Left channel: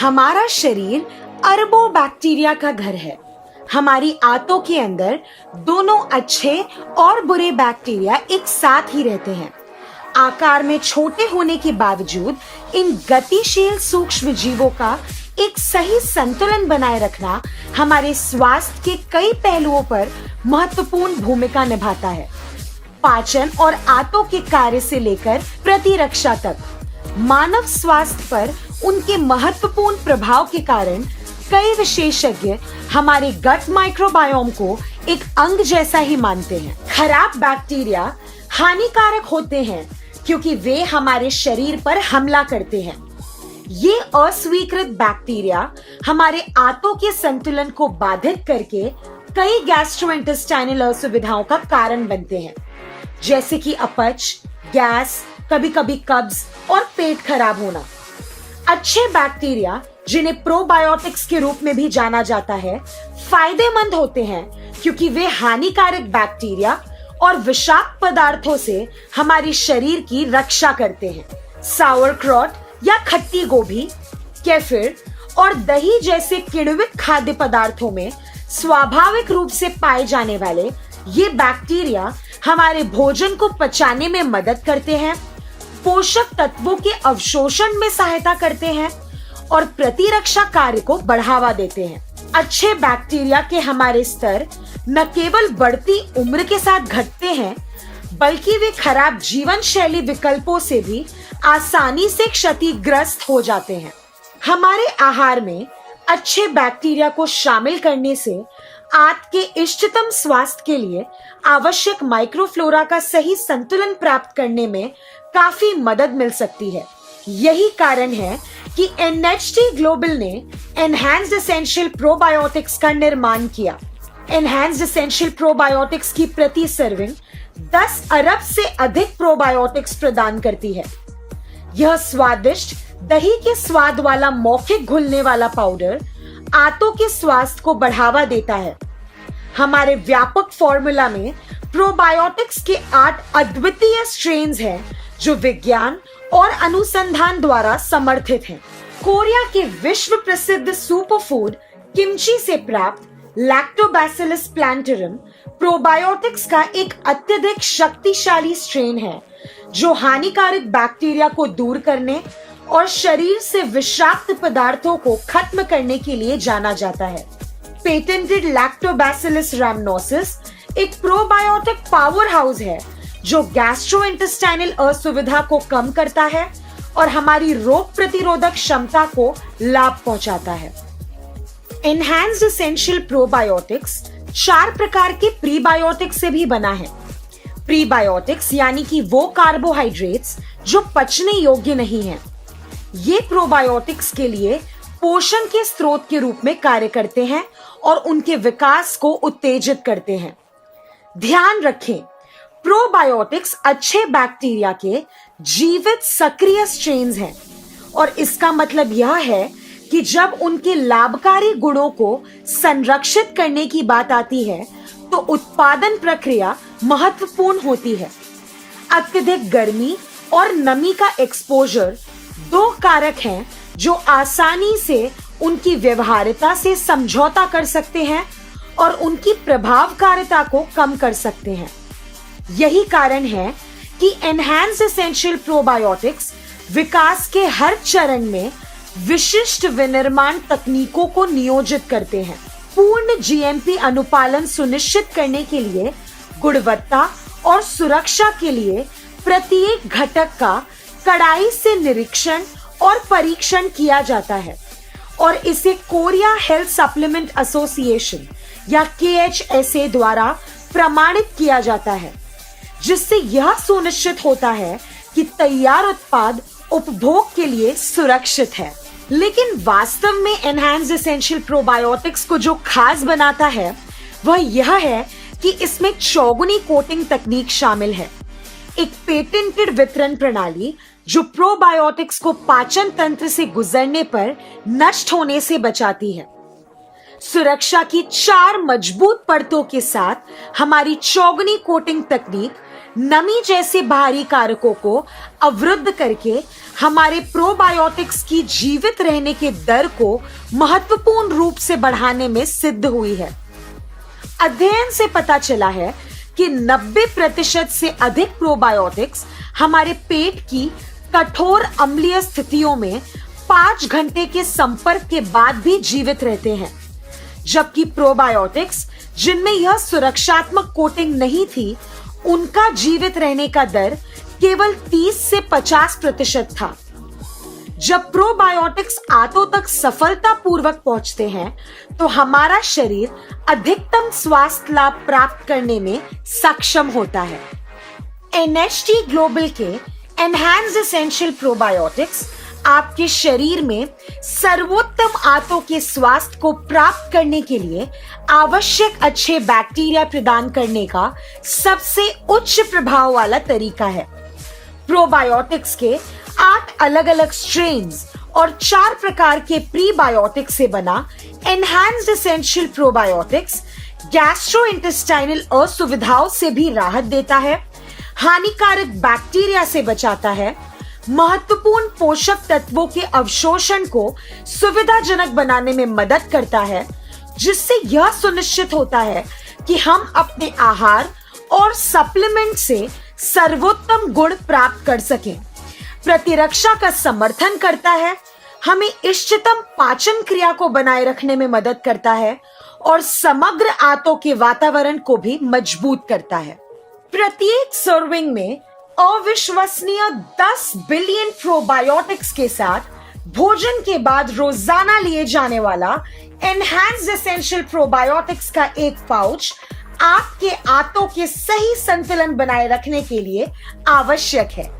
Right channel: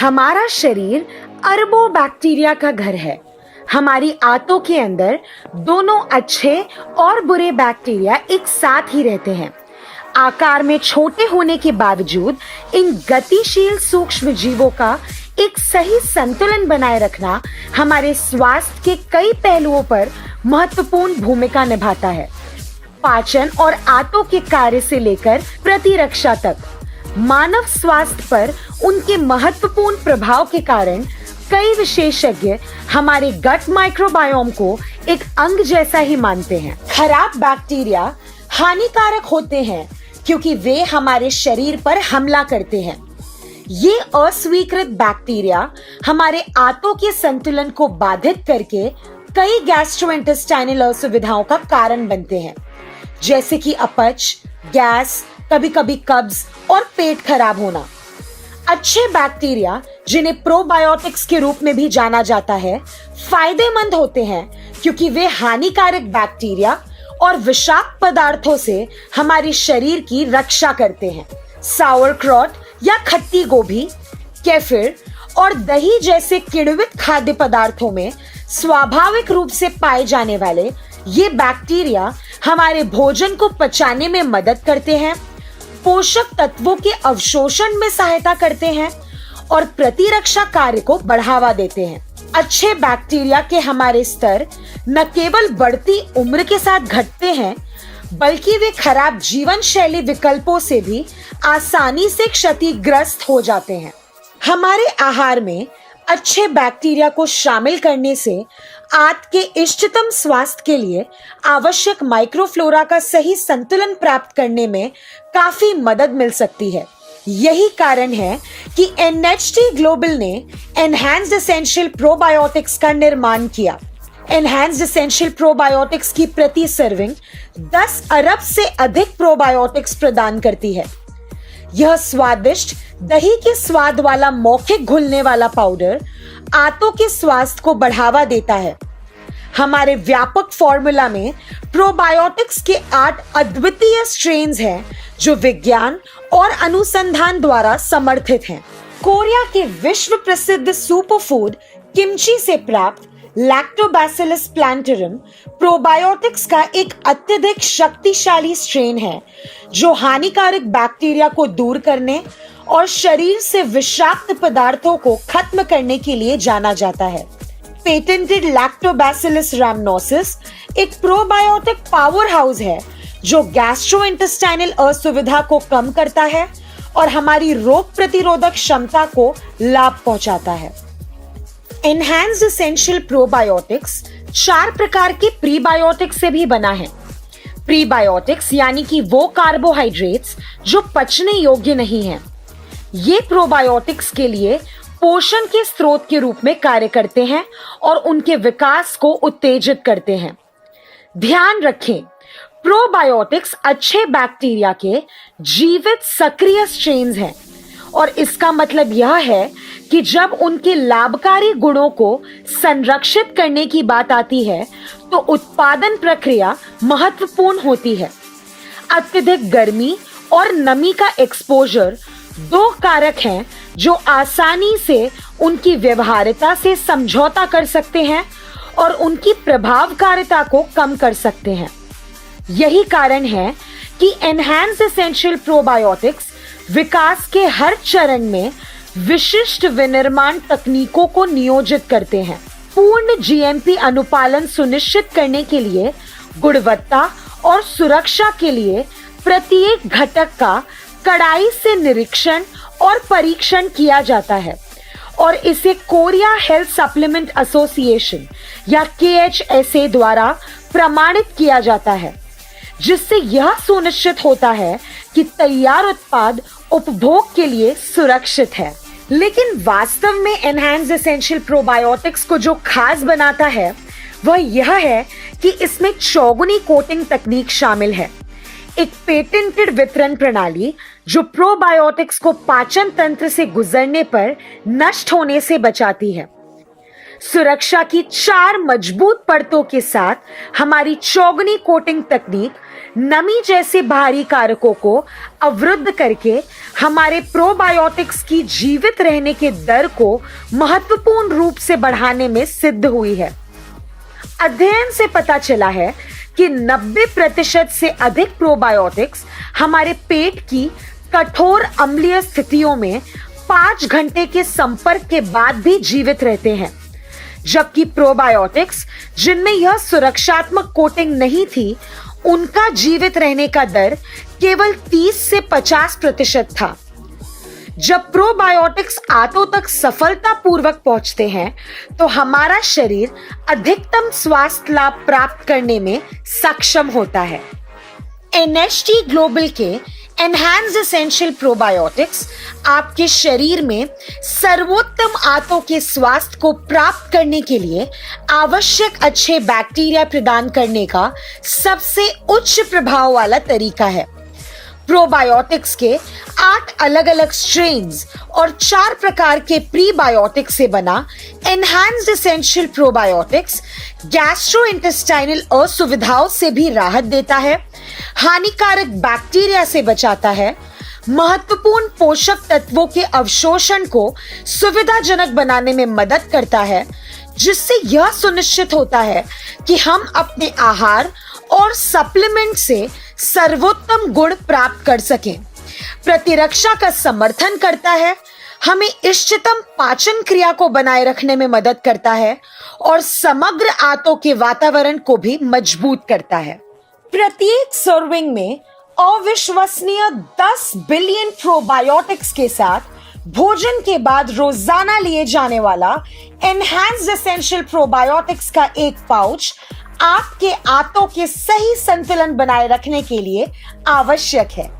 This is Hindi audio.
हमारा शरीर अरबों बैक्टीरिया का घर है। हमारी आंतों के अंदर दोनों अच्छे और बुरे बैक्टीरिया एक साथ ही रहते हैं। आकार में छोटे होने के बावजूद इन गतिशील सूक्ष्म जीवों का एक सही संतुलन बनाए रखना हमारे स्वास्थ्य के कई पहलुओं पर महत्वपूर्ण भूमिका निभाता है। पाचन और आंतों के कार्य से लेकर प्रतिरक्षा तक मानव स्वास्थ्य पर उनके महत्वपूर्ण प्रभाव के कारण कई विशेषज्ञ हमारे गट माइक्रोबायोम को एक अंग जैसा ही मानते हैं। खराब बैक्टीरिया हानिकारक होते हैं क्योंकि वे हमारे शरीर पर हमला करते हैं। ये अस्वीकृत बैक्टीरिया हमारे आंतों के संतुलन को बाधित करके कई गैस्ट्रोइंटेस्टाइनल असुविधाओं का कारण बनते हैं, जैसे कि अपच, गैस, कभी-कभी कब्ज और पेट खराब होना। अच्छे बैक्टीरिया, जिन्हें प्रोबायोटिक्स के रूप में भी जाना जाता है, फायदेमंद होते हैं क्योंकि वे हानिकारक बैक्टीरिया और विषाक्त पदार्थों से हमारे शरीर की रक्षा करते हैं। सावरक्रॉट या खट्टी गोभी, केफिर और दही जैसे किण्वित खाद्य पदार्थों में स्वाभाविक रूप से पाए जाने वाले ये बैक्टीरिया हमारे भोजन को पचाने में मदद करते हैं, पोषक तत्वों के अवशोषण में सहायता करते हैं और प्रतिरक्षा कार्य को बढ़ावा देते हैं। अच्छे बैक्टीरिया के हमारे स्तर न केवल बढ़ती उम्र के साथ घटते हैं, बल्कि वे खराब जीवन शैली विकल्पों से भी आसानी से क्षतिग्रस्त हो जाते हैं। हमारे आहार में अच्छे बैक्टीरिया को शामिल करने से आंत के इष्टतम स्वास्थ्य के लिए आवश्यक माइक्रोफ्लोरा का सही संतुलन प्राप्त करने में काफी मदद मिल सकती है। यही कारण है कि NHT ग्लोबल ने एनहांस्ड एसेंशियल प्रोबायोटिक्स का निर्माण किया। एनहांस्ड एसेंशियल प्रोबायोटिक्स की प्रति सर्विंग 10 अरब से अधिक प्रोबायोटिक्स प्रदान करती है। यह स्वादिष्ट दही के स्वाद वाला मौखिक घुलने वाला पाउडर आंतों के स्वास्थ्य को बढ़ावा देता है। हमारे व्यापक फॉर्मूला में प्रोबायोटिक्स के 8 अद्वितीय स्ट्रेन्स हैं जो विज्ञान और अनुसंधान द्वारा समर्थित हैं। कोरिया के विश्व प्रसिद्ध सुपरफूड किमची से प्राप्त लैक्टोबैसिलस प्लांटरम प्रोबायोटिक्स का एक अत्यधिक शक्तिशाली स्ट्रेन है जो हानिकारक बैक्टीरिया को दूर करने और शरीर से विषाक्त पदार्थों को खत्म करने के लिए जाना जाता है। पेटेंटेड लैक्टोबैसिलस रैमनोसिस एक प्रोबायोटिक पावर हाउस है जो गैस्ट्रोइंटेस्टाइनल असुविधा को कम करता है और हमारी रोग प्रतिरोधक क्षमता को लाभ पहुंचाता है। एनहांस्ड एसेंशियल प्रोबायोटिक्स 4 प्रकार के प्रीबायोटिक्स से भी बना है। प्रीबायोटिक्स यानी कि वो कार्बोहाइड्रेट्स जो पचने योग्य नहीं हैं। ये प्रोबायोटिक्स के लिए पोषण के स्रोत के रूप में कार्य करते हैं और उनके विकास को उत्तेजित करते हैं। ध्यान रखें, प्रोबायोटिक्स अच्छे बैक्टीरिया के जीवित सक्रिय स्ट्रेन्स हैं और इसका मतलब यह है कि जब उनके लाभकारी गुणों को संरक्षित करने की बात आती है तो उत्पादन प्रक्रिया महत्वपूर्ण होती है। अत्यधिक गर्मी और नमी का एक्सपोजर 2 कारक हैं जो आसानी से उनकी व्यवहार्यता से समझौता कर सकते हैं और उनकी प्रभावकारिता को कम कर सकते हैं। यही कारण है कि एनहांस्ड एसेंशियल प्रोबायोटिक्स विकास के हर चरण में विशिष्ट विनिर्माण तकनीकों को नियोजित करते हैं। पूर्ण GMP अनुपालन सुनिश्चित करने के लिए गुणवत्ता और सुरक्षा के लिए प्रत्येक घटक का कड़ाई से निरीक्षण और परीक्षण किया जाता है और इसे कोरिया हेल्थ सप्लीमेंट एसोसिएशन या KHSA द्वारा प्रमाणित किया जाता है, जिससे यह सुनिश्चित होता है कि तैयार उत्पाद उपभोग के लिए सुरक्षित है। लेकिन वास्तव में एनहांस्ड एसेंशियल प्रोबायोटिक्स को जो खास बनाता है वह यह है कि इसमें चौगुनी कोटिंग तकनीक शामिल है, एक पेटेंटेड वितरण प्रणाली जो प्रोबायोटिक्स को पाचन तंत्र से गुजरने पर नष्ट होने से बचाती है। सुरक्षा की 4 मजबूत परतों के साथ हमारी चौगुनी कोटिंग तकनीक नमी जैसे बाहरी कारकों को अवरुद्ध करके हमारे प्रोबायोटिक्स की जीवित रहने के दर को महत्वपूर्ण रूप से बढ़ाने में सिद्ध हुई है। अध्ययन से पता चला है कि 90% से अधिक प्रोबायोटिक्स हमारे पेट की कठोर अम्लीय स्थितियों में 5 घंटे के संपर्क के बाद भी जीवित रहते हैं, जबकि प्रोबायोटिक्स जिनमें यह सुरक्षात्मक कोटिंग नहीं थी, उनका जीवित रहने का दर केवल 30 से 50% था। जब प्रोबायोटिक्स आंतों तक सफलतापूर्वक पहुंचते हैं, तो हमारा शरीर अधिकतम स्वास्थ्य लाभ प्राप्त करने में सक्षम होता है। NHT ग्लोबल के एनहांस्ड एसेंशियल प्रोबायोटिक्स आपके शरीर में सर्वोत्तम आंतों के स्वास्थ्य को प्राप्त करने के लिए आवश्यक अच्छे बैक्टीरिया प्रदान करने का सबसे उच्च प्रभाव वाला तरीका है। प्रोबायोटिक्स के 8 अलग अलग स्ट्रेन्स और 4 प्रकार के प्रीबायोटिक्स से बना एनहांस्ड एसेंशियल प्रोबायोटिक्स गैस्ट्रोइंटेस्टाइनल असुविधाओं से भी राहत देता है, हानिकारक बैक्टीरिया से बचाता है, महत्वपूर्ण पोषक तत्वों के अवशोषण को सुविधाजनक बनाने में मदद करता है, जिससे यह सुनिश्चित होता है कि हम अपने आहार और सप्लीमेंट से सर्वोत्तम गुण प्राप्त कर सकें। प्रतिरक्षा का समर्थन करता है, हमें इष्टतम पाचन क्रिया को बनाए रखने में मदद करता है और समग्र आंतों के वातावरण को भी मजबूत करता है। प्रत्येक सर्विंग में अविश्वसनीय 10 बिलियन प्रोबायोटिक्स के साथ भोजन के बाद रोजाना लिए जाने वाला एनहांस्ड एसेंशियल प्रोबायोटिक्स का एक पाउच आपके आंतों के सही संतुलन बनाए रखने के लिए आवश्यक है।